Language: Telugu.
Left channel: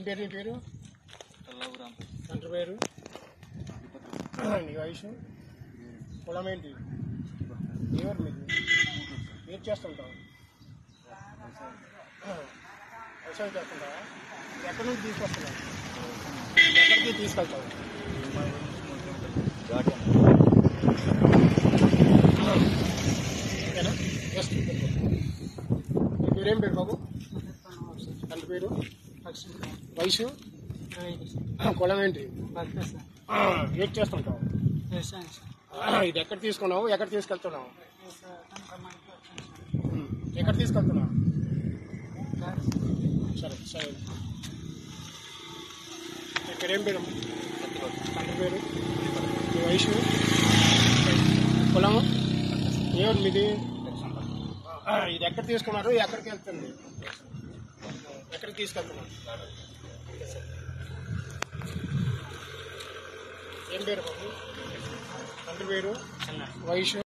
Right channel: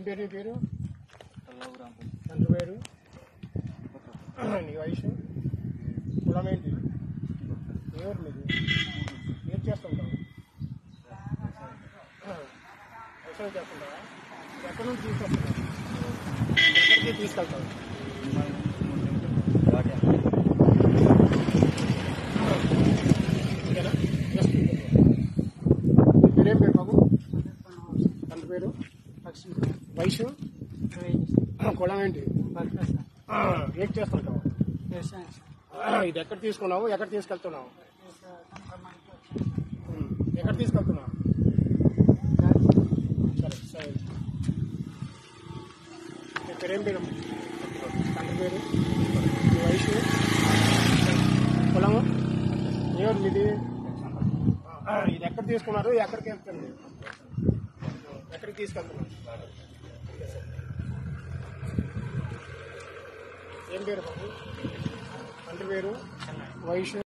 ఏం పేరు నీ పేరు? తండ్రి పేరు? నీ వయసు? కులం ఏంటి? ఎవరు మీది? ఏం చేస్తుంటావు? వ్యవసాయం చేస్తుంటావా? ఎక్కడి నుంచి తీసుకొస్తున్నావు? ఎక్కడికి తీసుకెళ్తావు? ఓకేనా? జస్ట్ మీరేం పేరు బాబు? తండ్రి పేరు? వయసు? కులం ఏంటి? ఏం చేస్తుంటావు? ఇది ఎక్కడ తీసుకున్నావు? ఎక్కడ తీసుకెళ్తున్నావు? ఎక్కడ తీసుకెళ్తున్నావు? సరే సరే. ఇక్కడేం పేరు? తండ్రి పేరు? మీ వయసు? కులము? ఎవరు మీది? ఇది ఎక్కడ తీసుకున్నారు? ఎక్కడికి వెళ్తుంది? ఎక్కడికి తీసుకెళ్తున్నాం? ఏం పేరు బాబు? తండ్రి పేరు? వయసు?